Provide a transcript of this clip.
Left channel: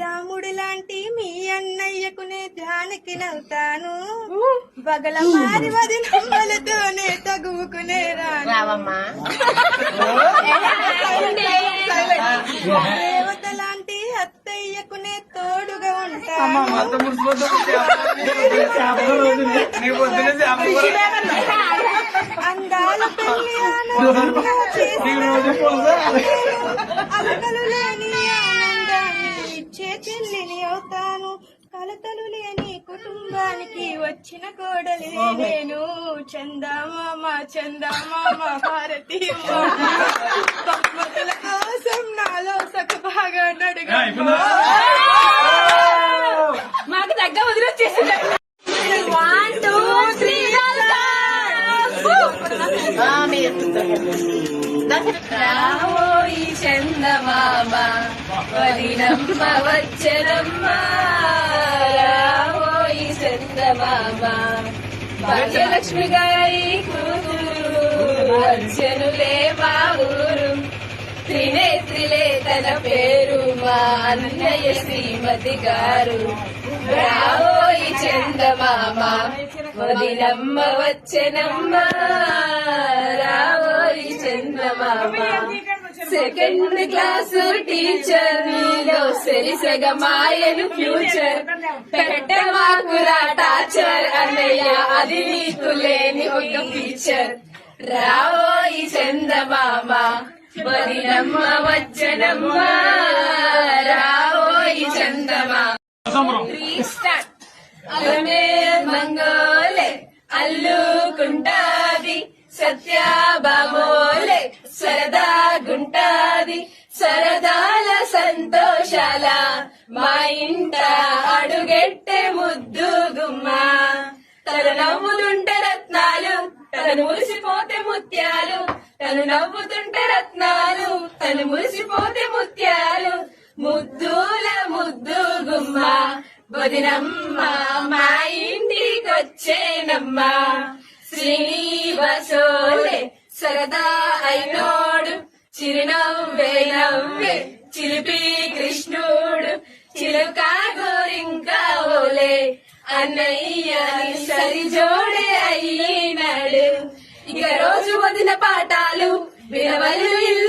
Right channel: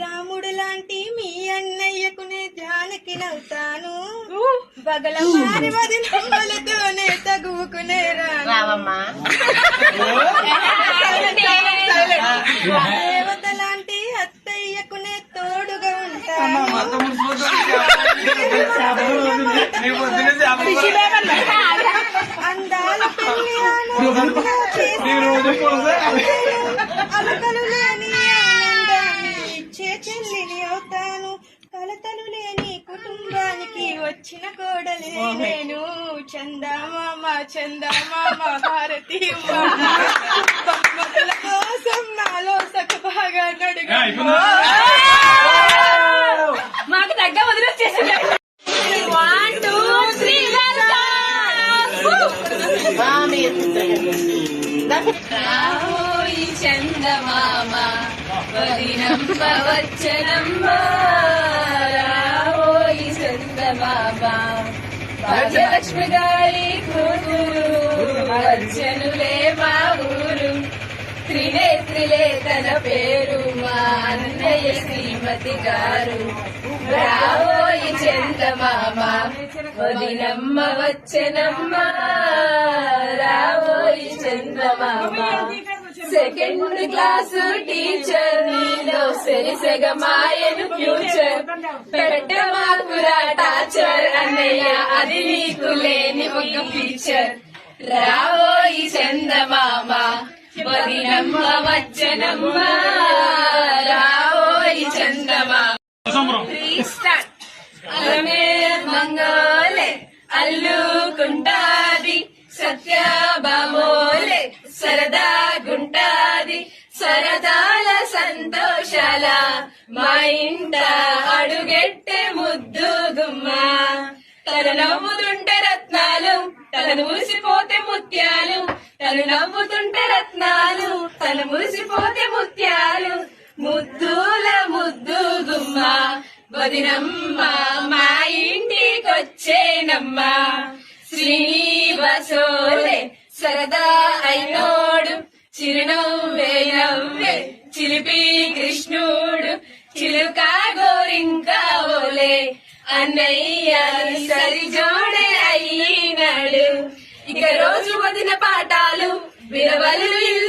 రాముడు లాంటి మీ అన్నయ్యకు నే ధ్యానికి నవ్వుతాను. బగల మారి వదిలతోనే తగువుకునే దేవత లాంటి అత్తయ్యకు నే తోడుగా ఉంటాను. అందాల పెళ్ళి అలకలు లేని ఇచ్చే చెల్లిని అవుతాను కలతలు లేని కుటుంబానికి వచ్చిన కోడలి నేను. చందామామ చందామామ భారతి బహుమతుల కోసం నాలో సగభాగా నడుగు మాకు దగ్గర వదిలేసేసింది వన్ టూ త్రీ రాహోయి చందమామ. వదినమ్మ వచ్చరమ్మ భాగ్యలక్ష్మి గారి కూతురు అర్జునులే మా ఊరు త్రినేత్రిలే తన పేరు మా అన్నయ్య శ్రీమతి గారు. రావోయి చందమామ వదినమ్మ వచ్చనమ్మ. రావోయి చందమామ. సెకండ్ క్లాసు టీచర్ నీలో సరిసగమాయను ఫ్యూచర్ పెట్టమాకురా టార్చర్ అన్నయ్య అది నీకు లేని ఒక ఫీచర్ రావోయి చందమామ వదినమ్మ వచ్చనమ్మ రావోయి చందమామ స్టార్ట్ అలమే మంగోలే అల్లుకుంటాది సరదా గుంటాది సరదా సంతోషాల. మా ఇంట అడుగెట్టే ముద్దు గుమ్మ. తను నవ్వుతుంటే రత్నాలు తను మురిసిపోతే ముత్యాలు. తను నవ్వుతుంటే రత్నాలు తను మురిసిపోతే ముత్యాలు. ముద్దుల ముద్దు గుమ్మ. వదినమ్మ మా ఇంటికొచ్చేనమ్మ. శ్రీనివాసోలే సరదా అయినోడు. చిరునవ్వే నవ్వే. చిలిపి కృష్ణుడు చిలుక గోరింకా ఓలే. అన్నయ్య సరిజోడే అయినాడు. ఇక రోజు వదిన పాఠాలు విరవల్లు